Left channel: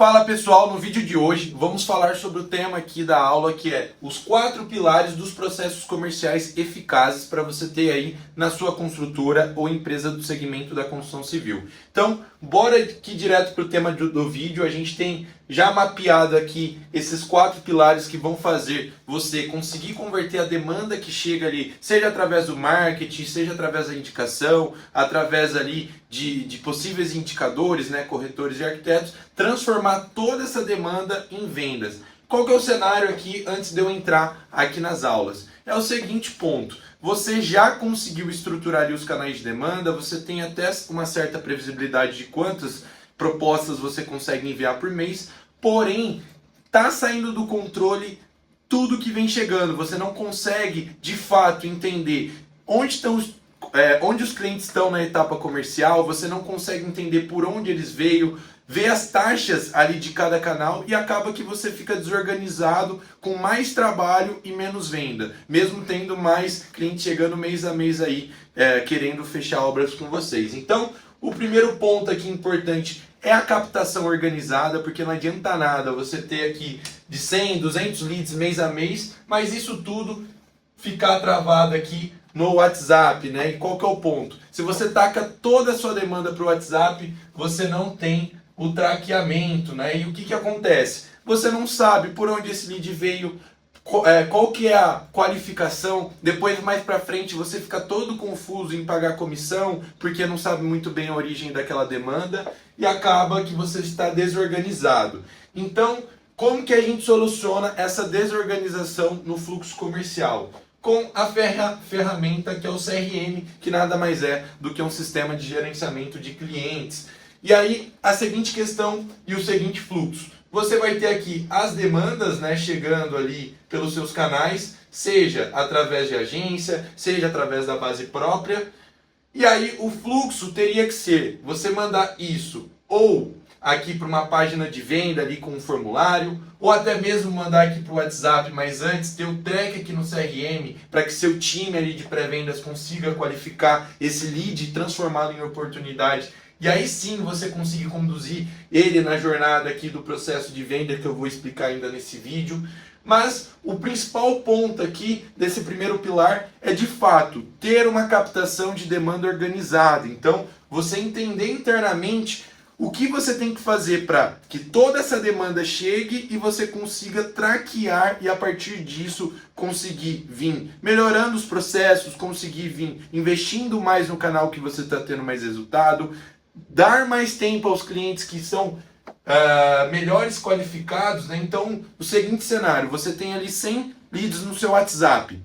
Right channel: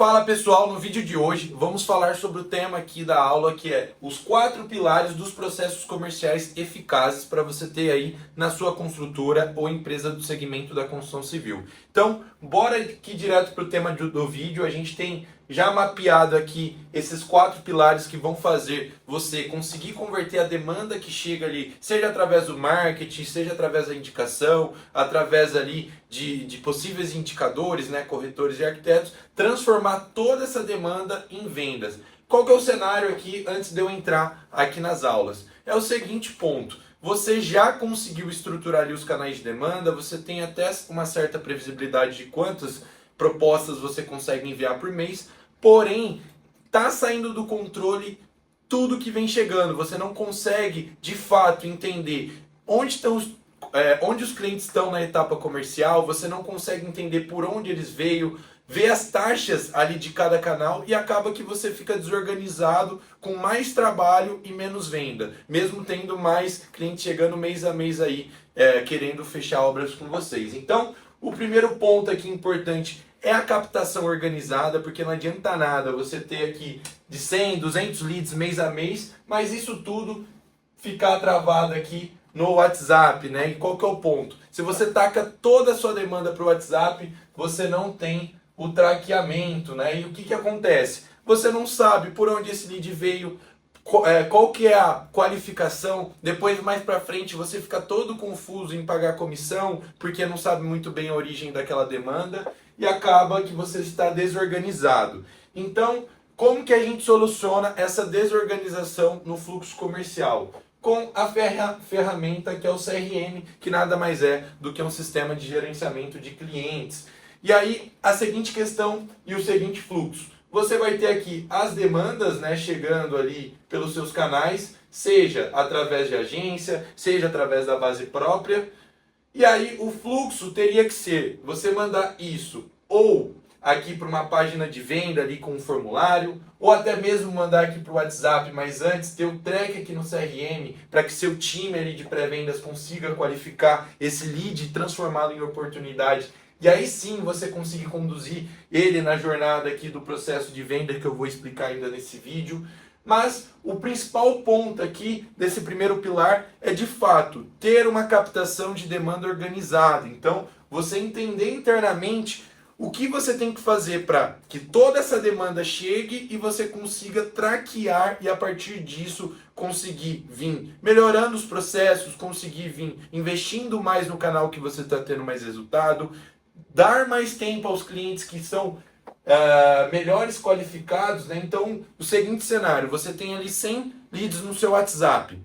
Fala pessoal, no vídeo de hoje vamos falar sobre o tema aqui da aula, que é os 4 pilares dos processos comerciais eficazes para você ter aí na sua construtora ou empresa do segmento da construção civil. Então, bora aqui direto para o tema do vídeo. A gente tem já mapeado aqui esses 4 pilares que vão fazer você conseguir converter a demanda que chega ali, seja através do marketing, seja através da indicação, através ali de possíveis indicadores, né, corretores e arquitetos, transformar toda essa demanda em vendas. Qual que é o cenário aqui antes de eu entrar aqui nas aulas? É o seguinte ponto: você já conseguiu estruturar ali os canais de demanda, você tem até uma certa previsibilidade de quantas propostas você consegue enviar por mês, porém, está saindo do controle tudo que vem chegando. Você não consegue, de fato, entender onde os clientes estão na etapa comercial, você não consegue entender por onde eles veio, ver as taxas ali de cada canal e acaba que você fica desorganizado, com mais trabalho e menos venda, mesmo tendo mais clientes chegando mês a mês aí, querendo fechar obras com vocês. Então, o primeiro ponto aqui importante é a captação organizada, porque não adianta nada você ter aqui de 100, 200 leads mês a mês, mas isso tudo ficar travado aqui no WhatsApp, né? E qual que é o ponto? Se você taca toda a sua demanda para o WhatsApp, você não tem o traqueamento, né? E o que acontece? Você não sabe por onde esse lead veio, qual que é a qualificação, depois mais para frente você fica todo confuso em pagar comissão, porque não sabe muito bem a origem daquela demanda e acaba que você está desorganizado. Então, como que a gente soluciona essa desorganização no fluxo comercial? Com a ferramenta que é o CRM, que nada mais é do que um sistema de gerenciamento de clientes. E aí, a seguinte questão e o seguinte fluxo. Você vai ter aqui as demandas, né, chegando ali pelos seus canais, seja através de agência, seja através da base própria. E aí o fluxo teria que ser, você mandar isso ou aqui para uma página de venda ali com um formulário, ou até mesmo mandar aqui para o WhatsApp, mas antes ter um track aqui no CRM para que seu time ali de pré-vendas consiga qualificar esse lead e transformá-lo em oportunidade. E aí sim você conseguir conduzir ele na jornada aqui do processo de venda que eu vou explicar ainda nesse vídeo. Mas o principal ponto aqui desse primeiro pilar é de fato ter uma captação de demanda organizada. Então você entender internamente o que você tem que fazer para que toda essa demanda chegue e você consiga traquear e a partir disso conseguir vir melhorando os processos, conseguir vir investindo mais no canal que você está tendo mais resultado, dar mais tempo aos clientes que são melhores qualificados, né? Então, o seguinte cenário, você tem ali 100 leads no seu WhatsApp.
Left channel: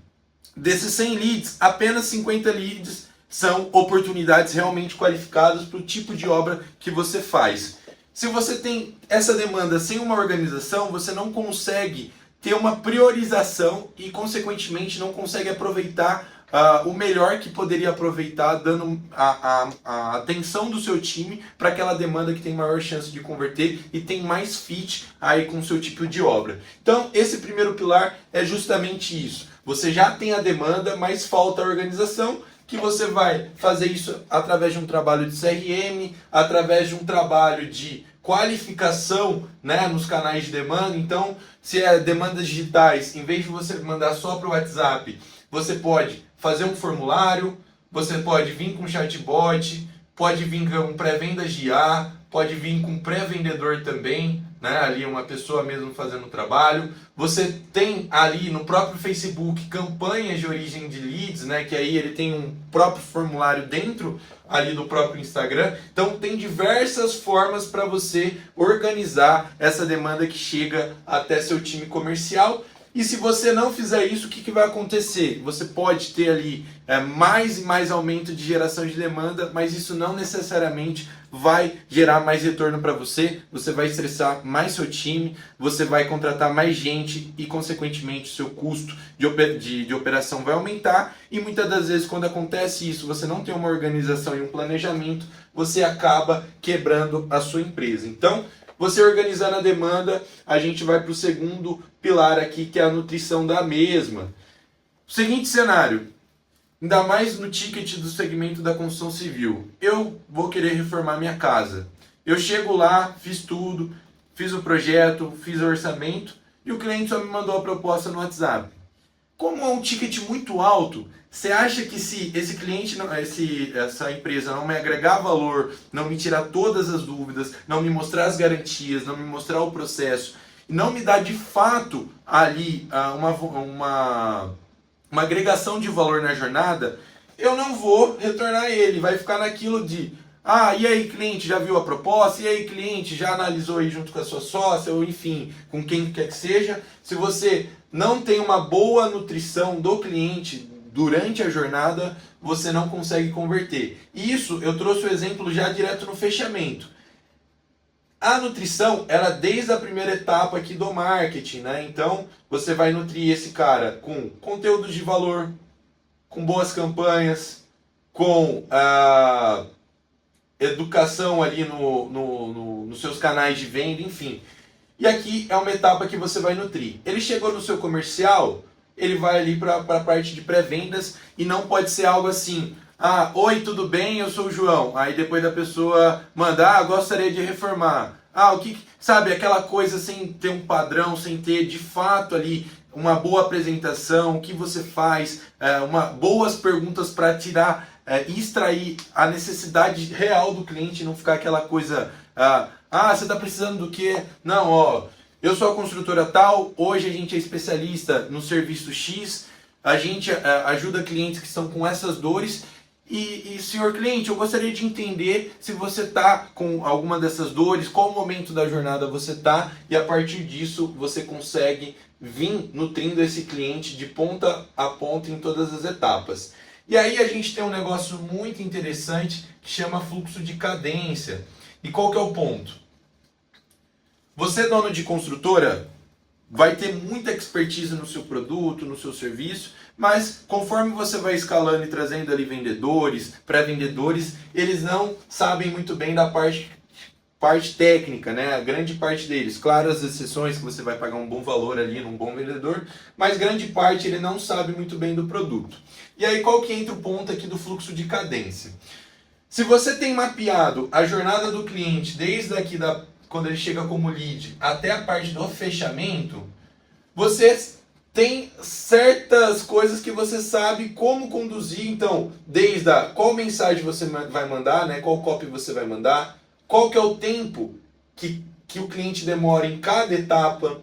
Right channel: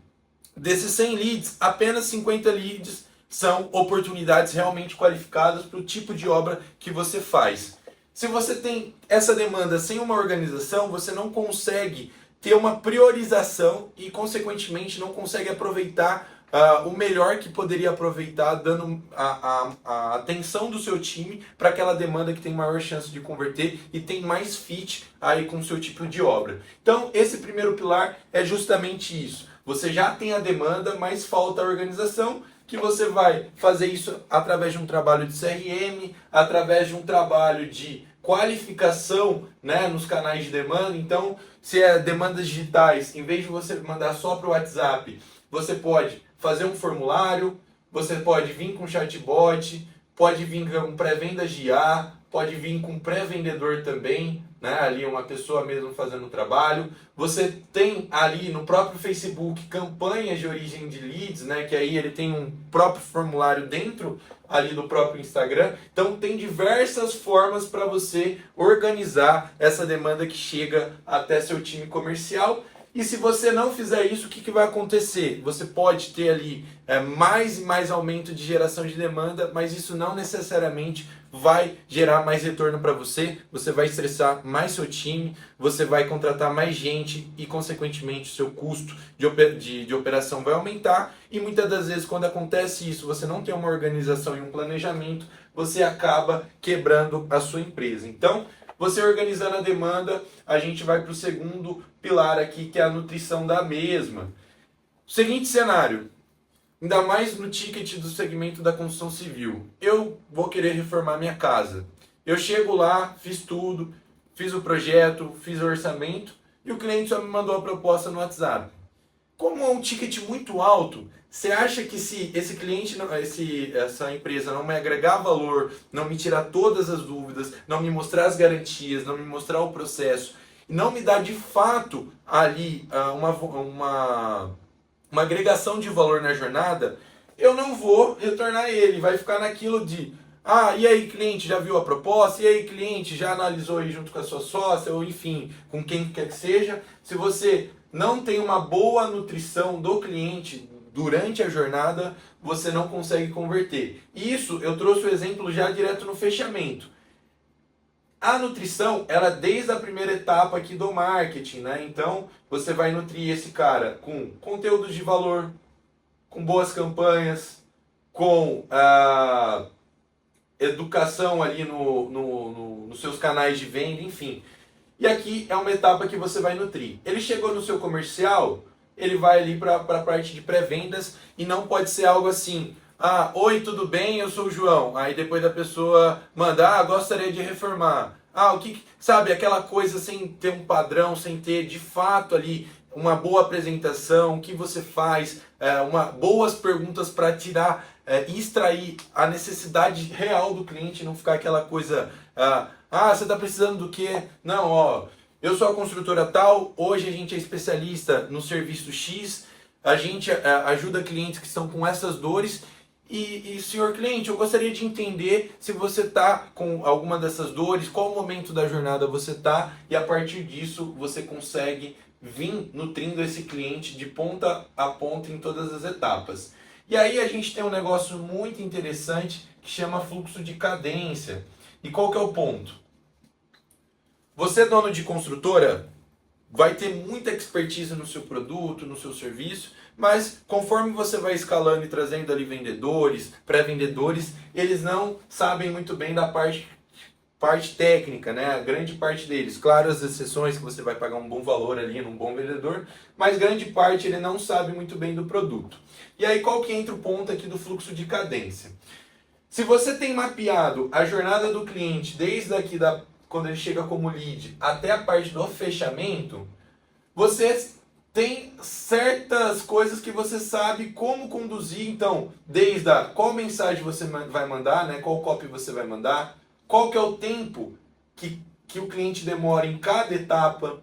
Desses 100 leads, apenas 50 leads são oportunidades realmente qualificadas para o tipo de obra que você faz. Se você tem essa demanda sem uma organização, você não consegue ter uma priorização e, consequentemente, não consegue aproveitar o melhor que poderia aproveitar, dando a atenção do seu time para aquela demanda que tem maior chance de converter e tem mais fit aí com o seu tipo de obra. Então, esse primeiro pilar é justamente isso. Você já tem a demanda, mas falta a organização, que você vai fazer isso através de um trabalho de CRM, através de um trabalho de qualificação, né, nos canais de demanda. Então, se é demandas digitais, em vez de você mandar só para o WhatsApp, você pode fazer um formulário, você pode vir com chatbot, pode vir com pré-vendas de IA, pode vir com pré-vendedor também, né? Ali uma pessoa mesmo fazendo o trabalho. Você tem ali no próprio Facebook campanhas de origem de leads, né? Que aí ele tem um próprio formulário dentro ali do próprio Instagram. Então tem diversas formas para você organizar essa demanda que chega até seu time comercial. E se você não fizer isso, o que vai acontecer? Você pode ter ali mais e mais aumento de geração de demanda, mas isso não necessariamente vai gerar mais retorno para você. Você vai estressar mais seu time, você vai contratar mais gente e, consequentemente, o seu custo de operação vai aumentar. E muitas das vezes, quando acontece isso, você não tem uma organização e um planejamento, você acaba quebrando a sua empresa. Então, você organizando a demanda, a gente vai para o segundo pilar aqui, que é a nutrição da mesma. Seguinte cenário, ainda mais no ticket do segmento da construção civil. Eu vou querer reformar minha casa. Eu chego lá, fiz tudo, fiz o projeto, fiz o orçamento e o cliente só me mandou a proposta no WhatsApp. Como é um ticket muito alto, você acha que se esse cliente, essa empresa não me agregar valor, não me tirar todas as dúvidas, não me mostrar as garantias, não me mostrar o processo, não me dar de fato ali uma agregação de valor na jornada, eu não vou retornar ele. Vai ficar naquilo de, e aí cliente, já viu a proposta? E aí cliente, já analisou aí junto com a sua sócia? Ou enfim, com quem quer que seja. Se você não tem uma boa nutrição do cliente durante a jornada, você não consegue converter. Isso eu trouxe o exemplo já direto no fechamento. A nutrição, ela desde a primeira etapa aqui do marketing, né? Então, você vai nutrir esse cara com conteúdos de valor, com boas campanhas, com educação ali nos seus canais de venda, enfim. E aqui é uma etapa que você vai nutrir. Ele chegou no seu comercial, ele vai ali para a parte de pré-vendas e não pode ser algo assim, oi, tudo bem? Eu sou o João. Aí depois da pessoa mandar, gostaria de reformar. Sabe, aquela coisa sem ter um padrão, sem ter de fato ali uma boa apresentação, o que você faz, boas perguntas para tirar e extrair a necessidade real do cliente, não ficar aquela coisa, você está precisando do quê? Não, eu sou a construtora tal, hoje a gente é especialista no serviço X, a gente ajuda clientes que estão com essas dores e senhor cliente, eu gostaria de entender se você está com alguma dessas dores, qual momento da jornada você está e a partir disso você consegue vir nutrindo esse cliente de ponta a ponta em todas as etapas. E aí a gente tem um negócio muito interessante que chama fluxo de cadência. E qual que é o ponto? Você, dono de construtora, vai ter muita expertise no seu produto, no seu serviço, mas conforme você vai escalando e trazendo ali vendedores, pré-vendedores, eles não sabem muito bem da parte técnica, né? A grande parte deles, claro, as exceções que você vai pagar um bom valor ali num bom vendedor, mas grande parte ele não sabe muito bem do produto. E aí qual que entra o ponto aqui do fluxo de cadência? Se você tem mapeado a jornada do cliente desde aqui quando ele chega como lead até a parte do fechamento, você tem certas coisas que você sabe como conduzir, então, desde qual mensagem você vai mandar, né? Qual copy você vai mandar, qual que é o tempo que o cliente demora em cada etapa,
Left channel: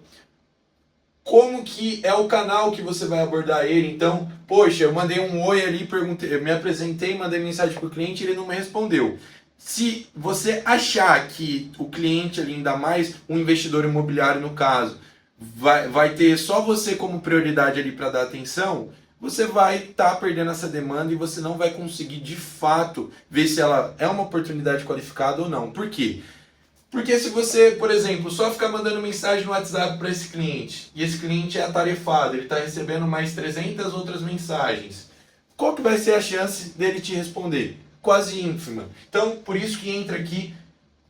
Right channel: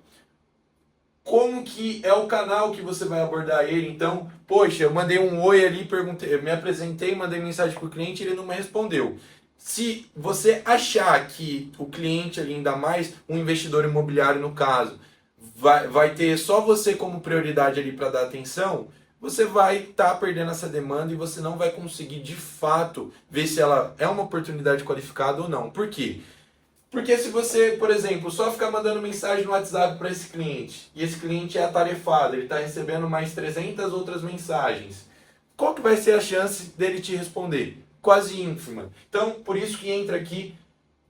como que é o canal que você vai abordar ele. Então, poxa, eu mandei um oi ali, perguntei, eu me apresentei, mandei mensagem para o cliente e ele não me respondeu. Se você achar que o cliente ali, ainda mais um investidor imobiliário no caso, vai ter só você como prioridade ali para dar atenção, você vai estar perdendo essa demanda e você não vai conseguir de fato ver se ela é uma oportunidade qualificada ou não. Por quê? Porque se você, por exemplo, só ficar mandando mensagem no WhatsApp para esse cliente e esse cliente é atarefado, ele está recebendo mais 300 outras mensagens, qual que vai ser a chance dele te responder? Quase ínfima. Então, por isso que entra aqui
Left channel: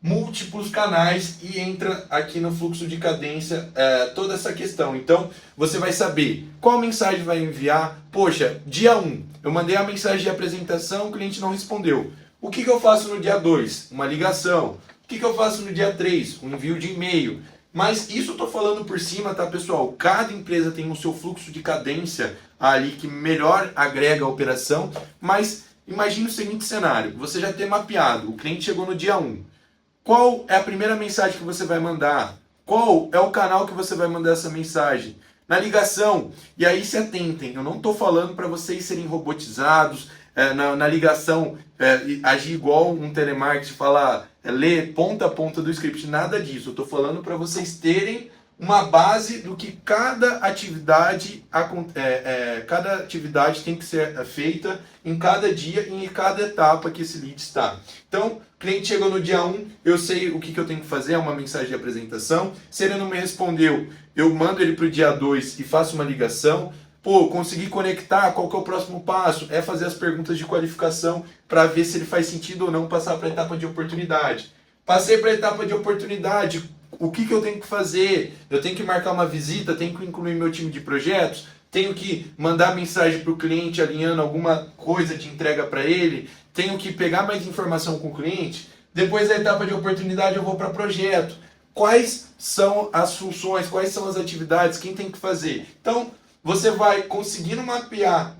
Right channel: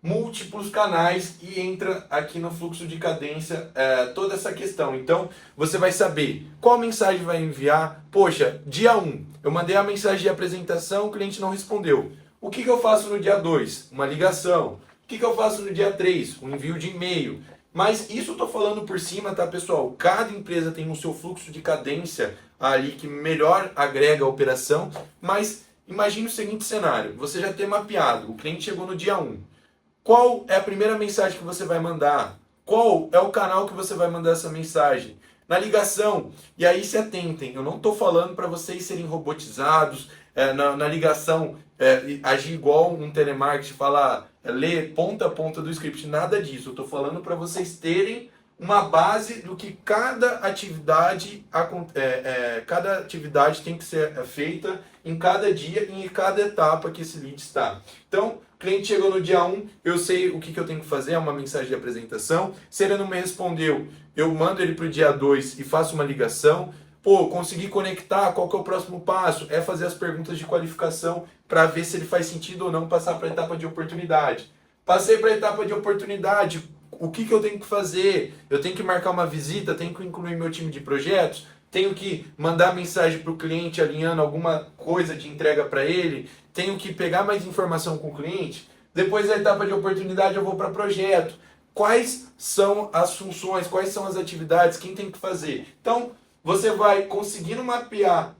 múltiplos canais e entra aqui no fluxo de cadência toda essa questão. Então, você vai saber qual mensagem vai enviar. Poxa, dia 1, eu mandei a mensagem de apresentação, o cliente não respondeu. O que eu faço no dia 2? Uma ligação. O que eu faço no dia 3? Um envio de e-mail. Mas isso eu estou falando por cima, tá, pessoal? Cada empresa tem o seu fluxo de cadência ali que melhor agrega a operação, mas imagine o seguinte cenário, você já tem mapeado, o cliente chegou no dia 1. Qual é a primeira mensagem que você vai mandar? Qual é o canal que você vai mandar essa mensagem? Na ligação, e aí se atentem, eu não estou falando para vocês serem robotizados, na ligação agir igual um telemarketing, falar, ler ponta a ponta do script, nada disso. Eu estou falando para vocês terem uma base do que cada atividade tem que ser feita em cada dia e em cada etapa que esse lead está. Então, o cliente chegou no dia 1, eu sei o que eu tenho que fazer, é uma mensagem de apresentação. Se ele não me respondeu, eu mando ele para o dia 2 e faço uma ligação. Consegui conectar, qual que é o próximo passo? É fazer as perguntas de qualificação para ver se ele faz sentido ou não passar para a etapa de oportunidade. Passei para a etapa de oportunidade, o que eu tenho que fazer? Eu tenho que marcar uma visita, tenho que incluir meu time de projetos, tenho que mandar mensagem para o cliente alinhando alguma coisa de entrega para ele, tenho que pegar mais informação com o cliente. Depois da etapa de oportunidade eu vou para projeto. Quais são as funções, quais são as atividades, quem tem que fazer. Então, você vai conseguindo mapear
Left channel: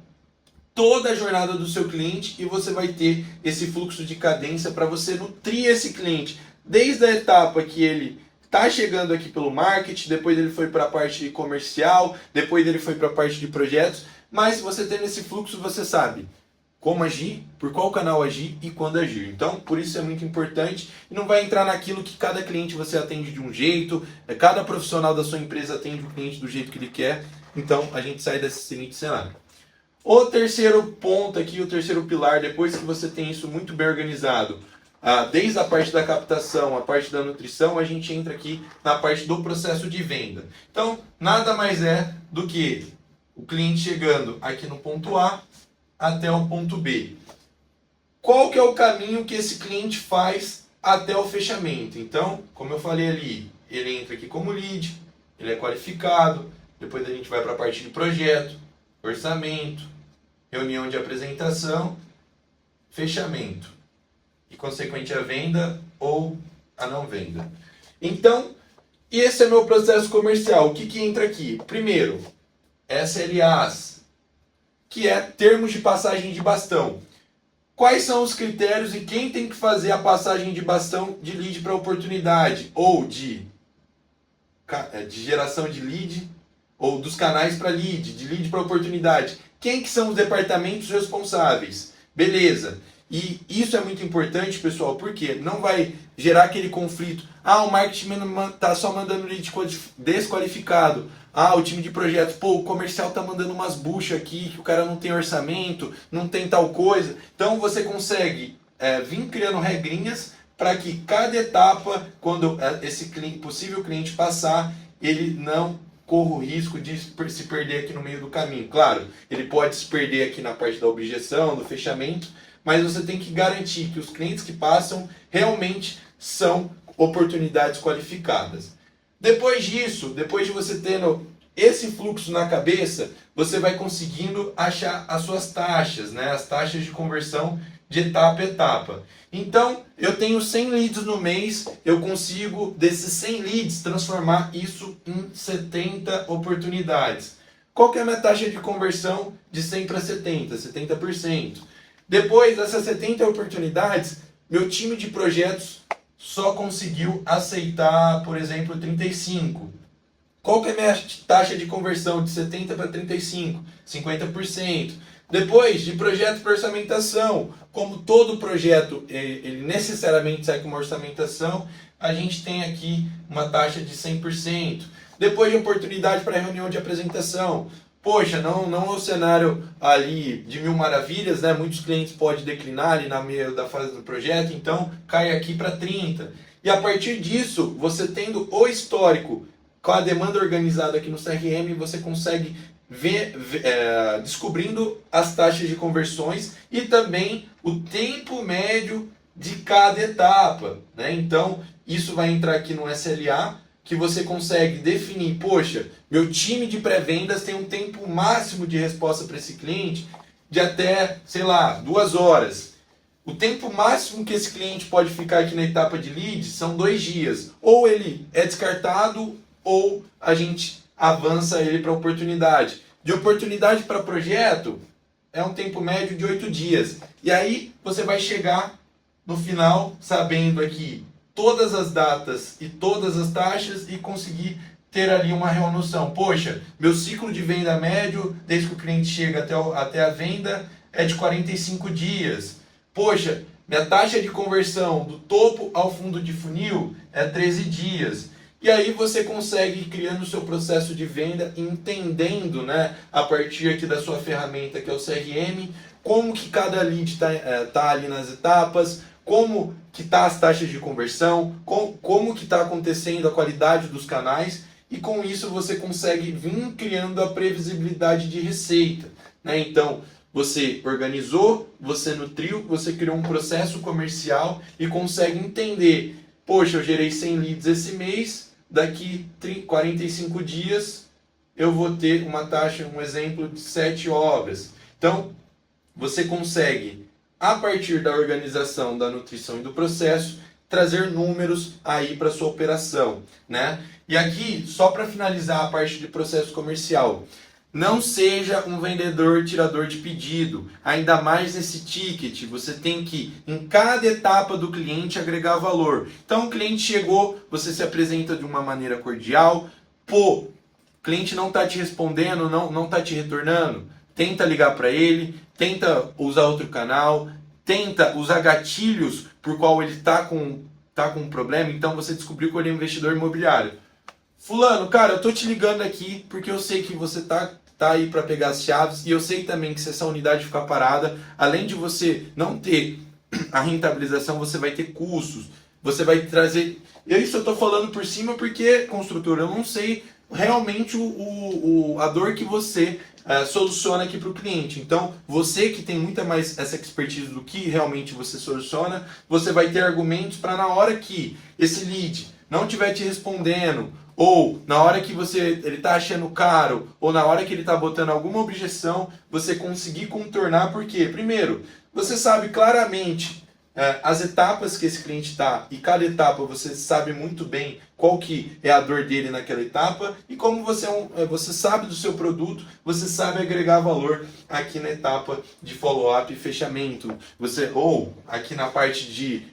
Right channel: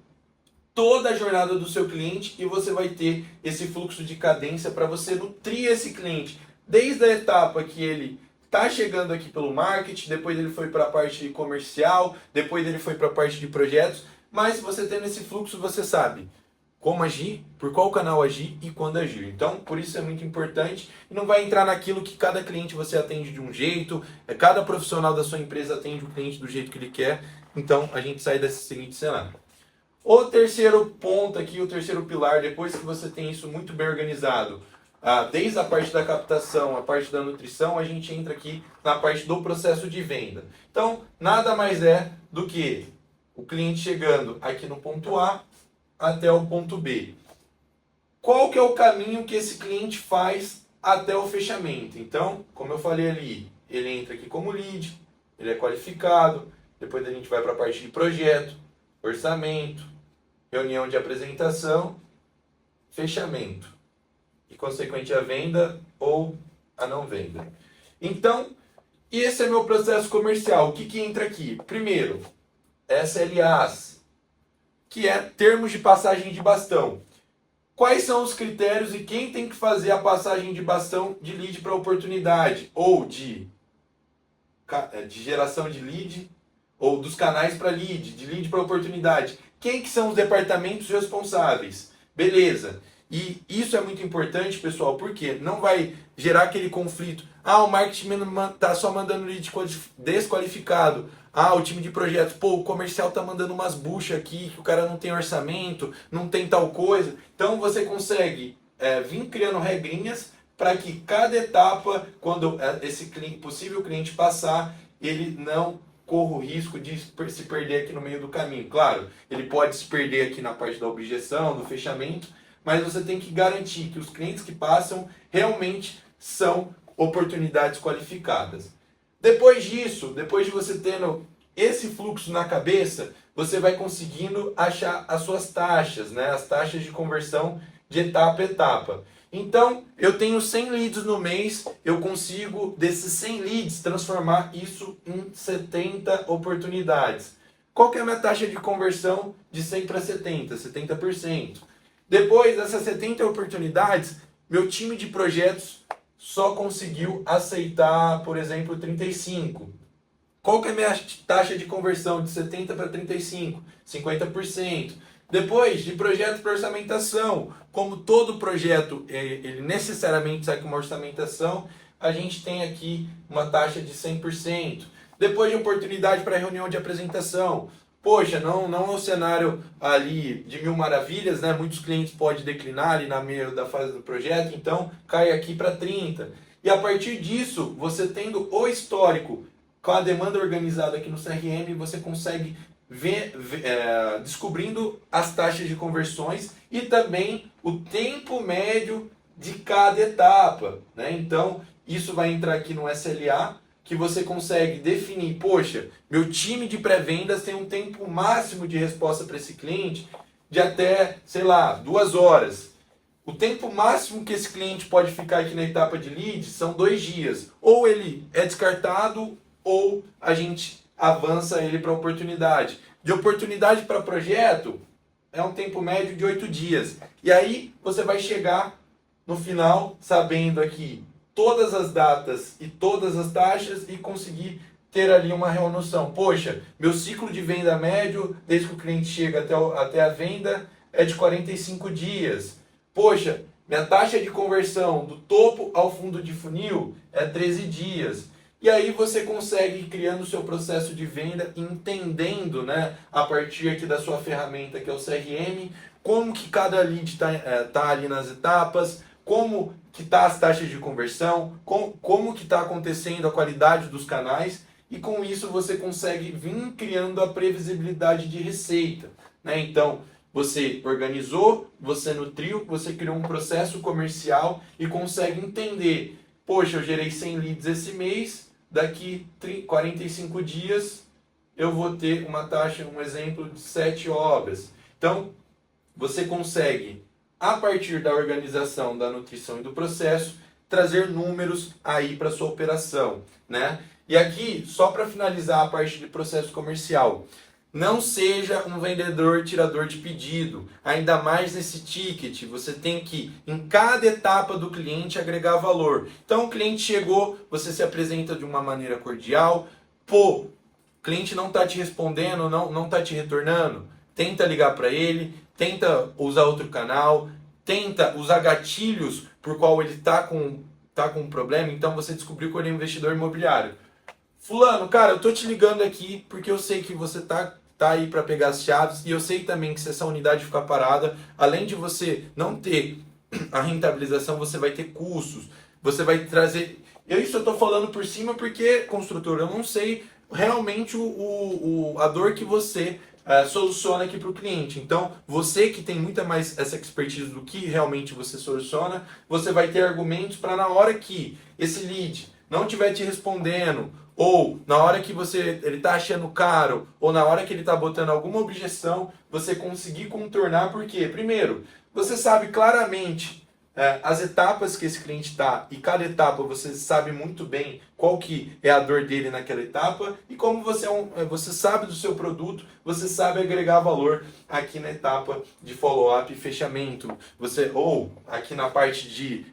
toda a jornada do seu cliente e você vai ter esse fluxo de cadência para você nutrir esse cliente desde a etapa que ele está chegando aqui pelo marketing, depois ele foi para a parte comercial, depois ele foi para a parte de projetos, mas você tendo esse fluxo, você sabe como agir, por qual canal agir e quando agir. Então, por isso é muito importante e não vai entrar naquilo que cada cliente você atende de um jeito, cada profissional da sua empresa atende o cliente do jeito que ele quer. Então, a gente sai desse seguinte cenário. O terceiro ponto aqui, o terceiro pilar, depois que você tem isso muito bem organizado, desde a parte da captação, a parte da nutrição, a gente entra aqui na parte do processo de venda. Então, nada mais é do que o cliente chegando aqui no ponto A até o ponto B. Qual que é o caminho que esse cliente faz até o fechamento? Então, como eu falei ali, ele entra aqui como lead, ele é qualificado, depois a gente vai para a parte de projeto, orçamento, reunião de apresentação, fechamento e consequente a venda ou a não venda. Então, esse é meu processo comercial. O que entra aqui? Primeiro, SLAs, que é termos de passagem de bastão. Quais são os critérios e quem tem que fazer a passagem de bastão de lead para oportunidade ou de geração de lead ou dos canais para lead, de lead para oportunidade? Quem que são os departamentos responsáveis? Beleza. E isso é muito importante, pessoal, porque não vai gerar aquele conflito. O marketing está só mandando lead desqualificado. O time de projetos, o comercial está mandando umas buchas aqui, que o cara não tem orçamento, não tem tal coisa. Então você consegue vir criando regrinhas para que cada etapa, quando esse possível cliente passar, ele não corra o risco de se perder aqui no meio do caminho. Claro, ele pode se perder aqui na parte da objeção, do fechamento, mas você tem que garantir que os clientes que passam realmente são oportunidades qualificadas. Depois disso, depois de você tendo esse fluxo na cabeça, você vai conseguindo achar as suas taxas, né? As taxas de conversão de etapa a etapa. Então, eu tenho 100 leads no mês, eu consigo, desses 100 leads, transformar isso em 70 oportunidades. Qual que é a minha taxa de conversão de 100 para 70? 70%. Depois dessas 70 oportunidades, meu time de projetos só conseguiu aceitar, por exemplo, 35. Qual que é a minha taxa de conversão de 70 para 35? 50%. Depois, de projeto para orçamentação, como todo projeto ele necessariamente sai com uma orçamentação, a gente tem aqui uma taxa de 100%. Depois de oportunidade para reunião de apresentação, poxa, não é um cenário ali de mil maravilhas, né? Muitos clientes podem declinar ali na meio da fase do projeto, então cai aqui para 30. E a partir disso, você tendo o histórico com a demanda organizada aqui no CRM, você consegue descobrindo as taxas de conversões e também o tempo médio de cada etapa, né? Então, isso vai entrar aqui no SLA, que você consegue definir, poxa, meu time de pré-vendas tem um tempo máximo de resposta para esse cliente de até, 2 horas. O tempo máximo que esse cliente pode ficar aqui na etapa de lead são 2 dias. Ou ele é descartado, ou a gente avança ele para oportunidade. De oportunidade para projeto, é um tempo médio de 8 dias. E aí você vai chegar no final sabendo aqui todas as datas e todas as taxas e conseguir ter ali uma real noção. Poxa, meu ciclo de venda médio, desde que o cliente chega até a venda, é de 45 dias. Poxa, minha taxa de conversão do topo ao fundo de funil é 13 dias. E aí você consegue ir criando o seu processo de venda, entendendo, né, a partir aqui da sua ferramenta, que é o CRM, como que cada lead tá ali nas etapas, como que tá as taxas de conversão, como que está acontecendo a qualidade dos canais, e com isso você consegue vir criando a previsibilidade de receita, né? Então, você organizou, você nutriu, você criou um processo comercial e consegue entender, poxa, eu gerei 100 leads esse mês, daqui 45 dias eu vou ter uma taxa, um exemplo de 7 obras. Então, você consegue, a partir da organização, da nutrição e do processo, trazer números aí para sua operação, né? E aqui, só para finalizar a parte de processo comercial, não seja um vendedor tirador de pedido, ainda mais nesse ticket. Você tem que, em cada etapa do cliente, agregar valor. Então, o cliente chegou, você se apresenta de uma maneira cordial. Pô, o cliente não está te respondendo, não está te retornando. Tenta ligar para ele, tenta usar outro canal, tenta usar gatilhos por qual ele está com um problema. Então, você descobriu que ele é um investidor imobiliário. Fulano, cara, eu tô te ligando aqui porque eu sei que você tá aí para pegar as chaves e eu sei também que se essa unidade ficar parada, além de você não ter a rentabilização, você vai ter custos, você vai trazer... Isso eu tô falando por cima porque, construtor, eu não sei realmente a dor que você soluciona aqui para o cliente. Então, você que tem muita mais essa expertise do que realmente você soluciona, você vai ter argumentos para na hora que esse lead não estiver te respondendo, ou na hora que ele está achando caro, ou na hora que ele está botando alguma objeção, você conseguir contornar, porque, primeiro, você sabe claramente as etapas que esse cliente está, e cada etapa você sabe muito bem qual que é a dor dele naquela etapa, e como você sabe do seu produto, você sabe agregar valor aqui na etapa de follow-up e fechamento, ou aqui na parte de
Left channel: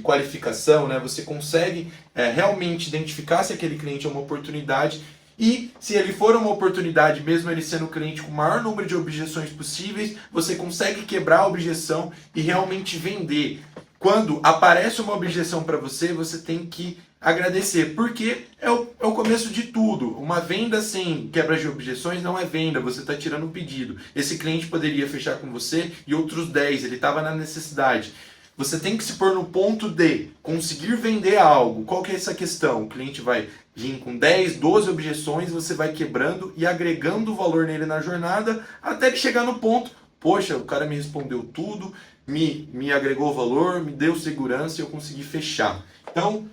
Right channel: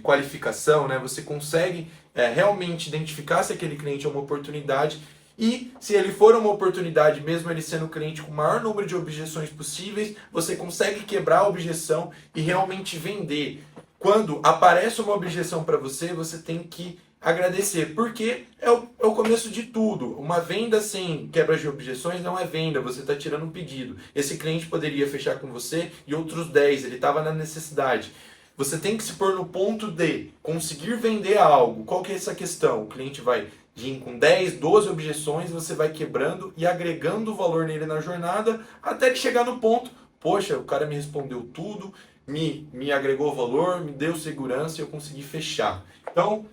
qualificação, né, você consegue realmente identificar se aquele cliente é uma oportunidade. E se ele for uma oportunidade, mesmo ele sendo cliente com o maior número de objeções possíveis, você consegue quebrar a objeção e realmente vender. Quando aparece uma objeção para você, você tem que agradecer, porque é o começo de tudo. Uma venda sem quebra de objeções não é venda, você está tirando um pedido. Esse cliente poderia fechar com você e outros 10, ele estava na necessidade. Você tem que se pôr no ponto de conseguir vender algo. Qual que é essa questão? O cliente vai vir com 10, 12 objeções, você vai quebrando e agregando valor nele na jornada, até que chegar no ponto, poxa, o cara me respondeu tudo, me agregou valor, me deu segurança e eu consegui fechar. Então,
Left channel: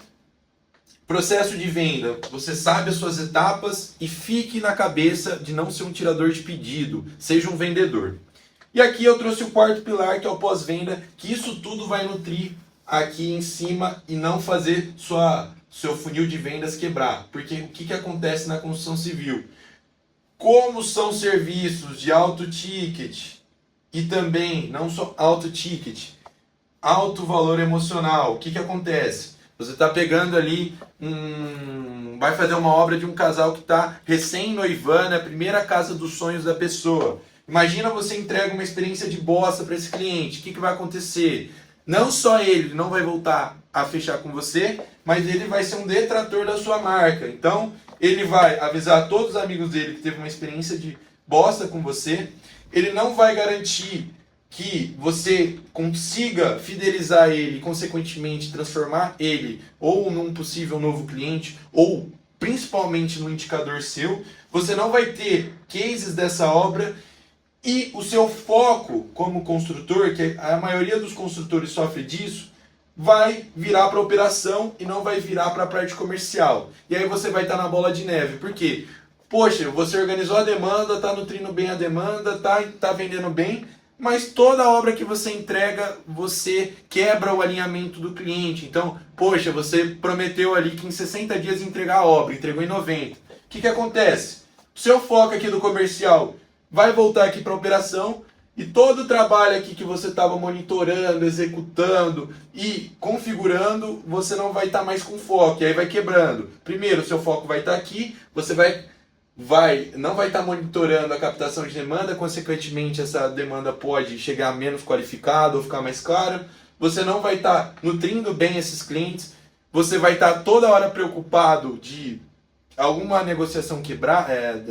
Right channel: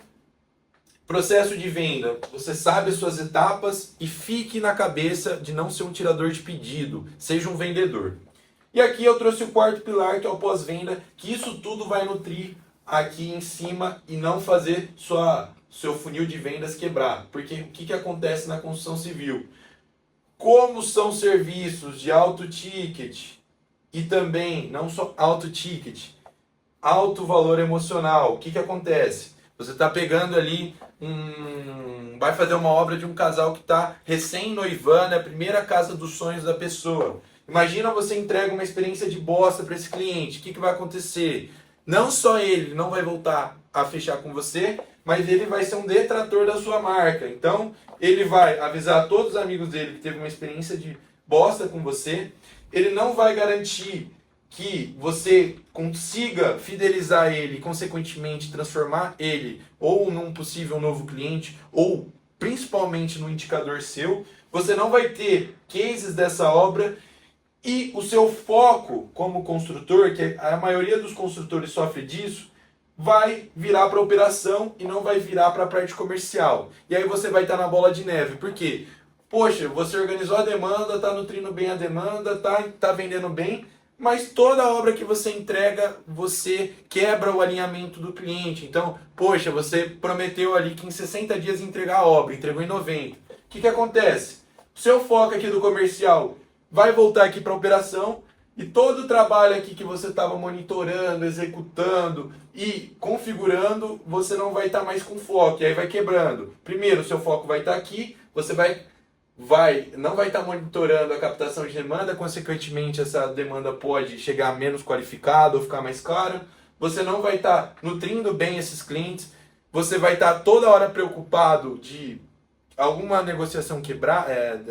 processo de venda, você sabe as suas etapas e fique na cabeça de não ser um tirador de pedido, seja um vendedor. E aqui eu trouxe o quarto pilar, que é o pós-venda, que isso tudo vai nutrir aqui em cima e não fazer seu funil de vendas quebrar. Porque o que acontece na construção civil? Como são serviços de alto ticket e também, não só alto ticket, alto valor emocional, o que acontece? Você está pegando ali, vai fazer uma obra de um casal que está recém-noivando, é a primeira casa dos sonhos da pessoa. Imagina você entrega uma experiência de bosta para esse cliente. O que vai acontecer? Não só ele não vai voltar a fechar com você, mas ele vai ser um detrator da sua marca. Então, ele vai avisar todos os amigos dele que teve uma experiência de bosta com você. Ele não vai garantir que você consiga fidelizar ele e, consequentemente, transformar ele ou num possível novo cliente ou, principalmente, no indicador seu. Você não vai ter cases dessa obra. E o seu foco como construtor, que a maioria dos construtores sofre disso, vai virar para a operação e não vai virar para a parte comercial. E aí você vai estar na bola de neve. Por quê? Poxa, você organizou a demanda, está nutrindo bem a demanda, tá vendendo bem, mas toda obra que você entrega, você quebra o alinhamento do cliente. Então, poxa, você prometeu ali que em 60 dias ia entregar a obra, entregou em 90. O que acontece? O seu foco aqui do comercial vai voltar aqui para a operação e todo o trabalho aqui que você estava monitorando, executando e configurando, você não vai estar mais com foco, e aí vai quebrando. Primeiro, o seu foco vai estar aqui, você não vai estar monitorando a captação de demanda, consequentemente essa demanda pode chegar menos qualificada ou ficar mais cara. Você não vai estar nutrindo bem esses clientes, você vai estar toda hora preocupado de alguma negociação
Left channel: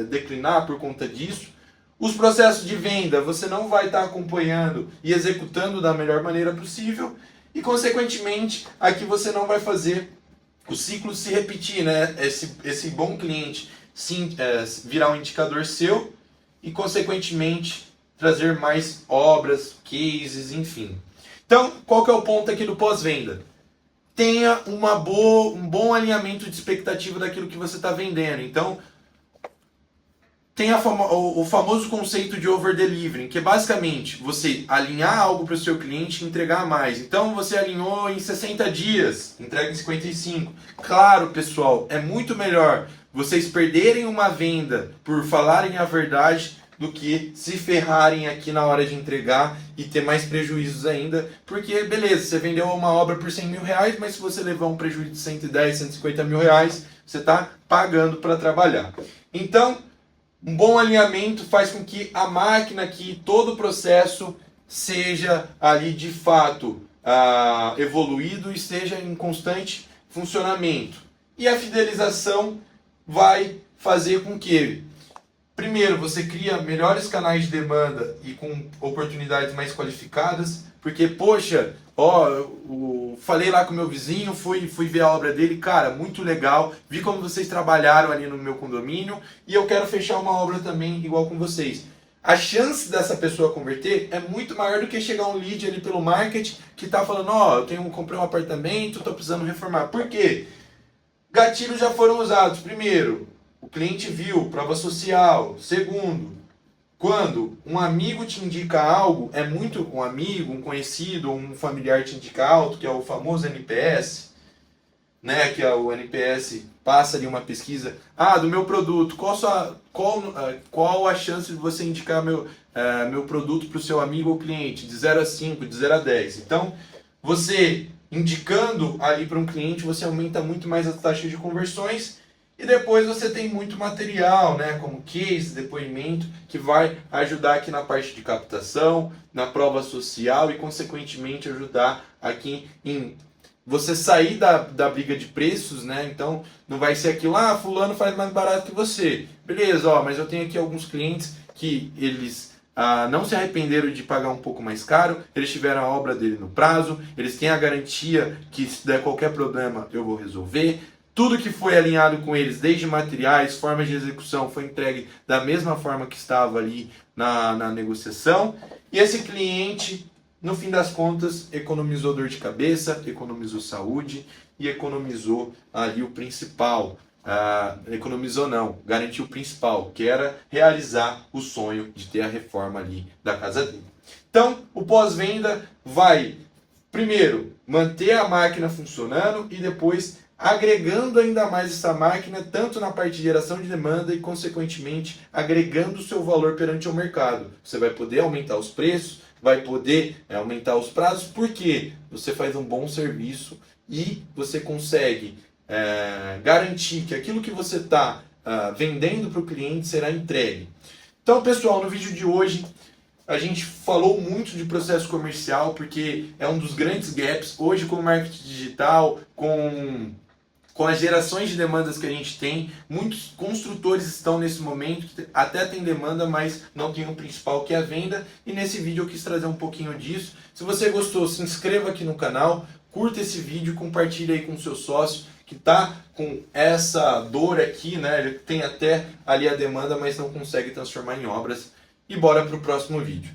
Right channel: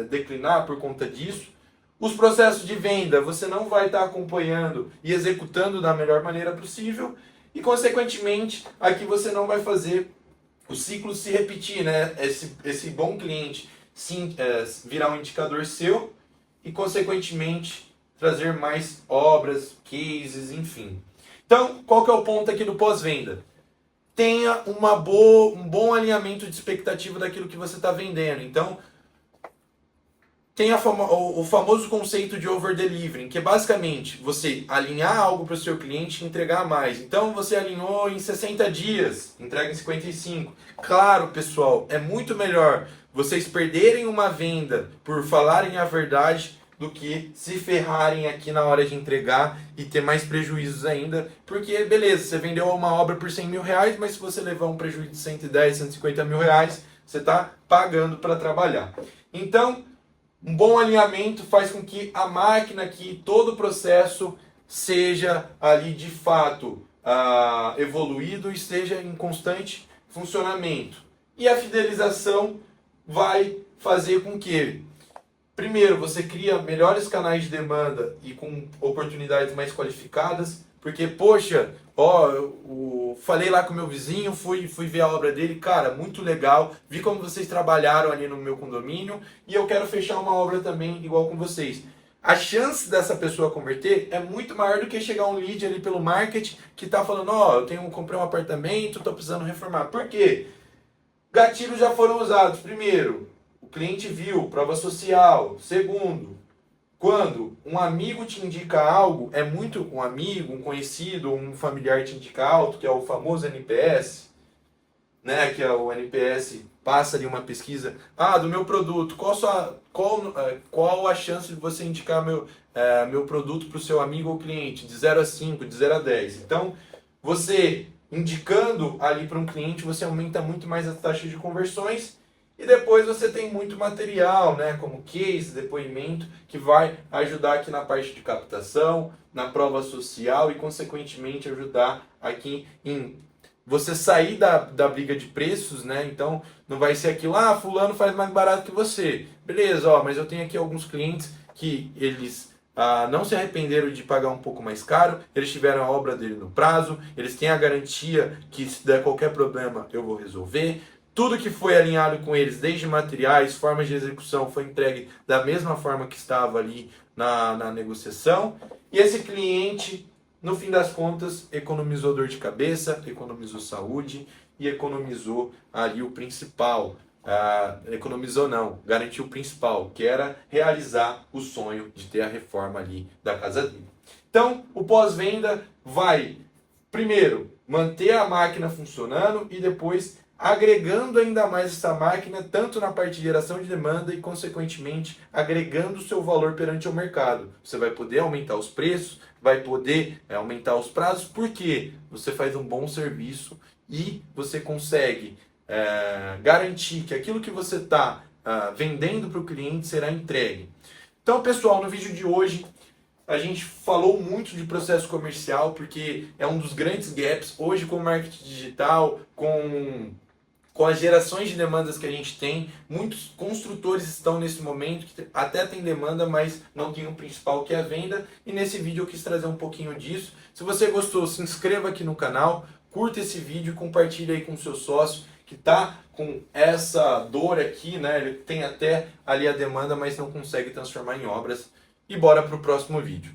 declinar por conta disso. Os processos de venda você não vai estar acompanhando e executando da melhor maneira possível e, consequentemente, aqui você não vai fazer o ciclo se repetir, né? Esse bom cliente virar um indicador seu e, consequentemente, trazer mais obras, cases, enfim. Então, qual que é o ponto aqui do pós-venda? Tenha um bom alinhamento de expectativa daquilo que você está vendendo. Então, tem o famoso conceito de over-delivering, que é basicamente você alinhar algo para o seu cliente e entregar mais. Então você alinhou em 60 dias, entrega em 55. Claro, pessoal, é muito melhor vocês perderem uma venda por falarem a verdade do que se ferrarem aqui na hora de entregar e ter mais prejuízos ainda. Porque, beleza, você vendeu uma obra por 100 mil reais, mas se você levar um prejuízo de 110, 150 mil reais, você está pagando para trabalhar. Então, um bom alinhamento faz com que a máquina aqui, todo o processo, seja ali de fato evoluído e esteja em constante funcionamento. E a fidelização vai fazer com que, primeiro, você cria melhores canais de demanda e com oportunidades mais qualificadas, porque, poxa, falei lá com o meu vizinho, fui ver a obra dele, cara, muito legal, vi como vocês trabalharam ali no meu condomínio e eu quero fechar uma obra também igual com vocês. A chance dessa pessoa converter é muito maior do que chegar um lead ali pelo marketing que está falando, comprei um apartamento, estou precisando reformar. Por quê? Gatilhos já foram usados. Primeiro, o cliente viu, prova social. Segundo, quando um amigo te indica algo, é muito um amigo, um conhecido, um familiar te indica algo, que é o famoso NPS, né? Que é o NPS, passa ali uma pesquisa. Do meu produto, qual a chance de você indicar meu produto para o seu amigo ou cliente? De 0 a 5, de 0 a 10. Então, você indicando ali para um cliente, você aumenta muito mais a taxa de conversões. E depois você tem muito material, né, como case, depoimento, que vai ajudar aqui na parte de captação, na prova social e, consequentemente, ajudar aqui em você sair da briga de preços, né? Então, não vai ser aquilo, fulano faz mais barato que você. Beleza, mas eu tenho aqui alguns clientes que eles não se arrependeram de pagar um pouco mais caro, eles tiveram a obra dele no prazo, eles têm a garantia que se der qualquer problema eu vou resolver. Tudo que foi alinhado com eles, desde materiais, formas de execução, foi entregue da mesma forma que estava ali na negociação. E esse cliente, no fim das contas, economizou dor de cabeça, economizou saúde e economizou ali o principal. Garantiu o principal, que era realizar o sonho de ter a reforma ali da casa dele. Então, o pós-venda vai, primeiro, manter a máquina funcionando e depois agregando ainda mais essa máquina, tanto na parte de geração de demanda e, consequentemente, agregando o seu valor perante o mercado. Você vai poder aumentar os preços, vai poder aumentar os prazos, porque você faz um bom serviço e você consegue garantir que aquilo que você está vendendo para o cliente será entregue. Então, pessoal, no vídeo de hoje, a gente falou muito de processo comercial, porque é um dos grandes gaps hoje com o marketing digital, com as gerações de demandas que a gente tem. Muitos construtores estão nesse momento que até tem demanda, mas não tem o principal, que é a venda. E nesse vídeo eu quis trazer um pouquinho disso. Se você gostou, se inscreva aqui no canal, curta esse vídeo, compartilhe aí com o seu sócio que está com essa dor aqui, né? Ele tem até ali a demanda, mas não consegue transformar em obras. E bora para o próximo vídeo.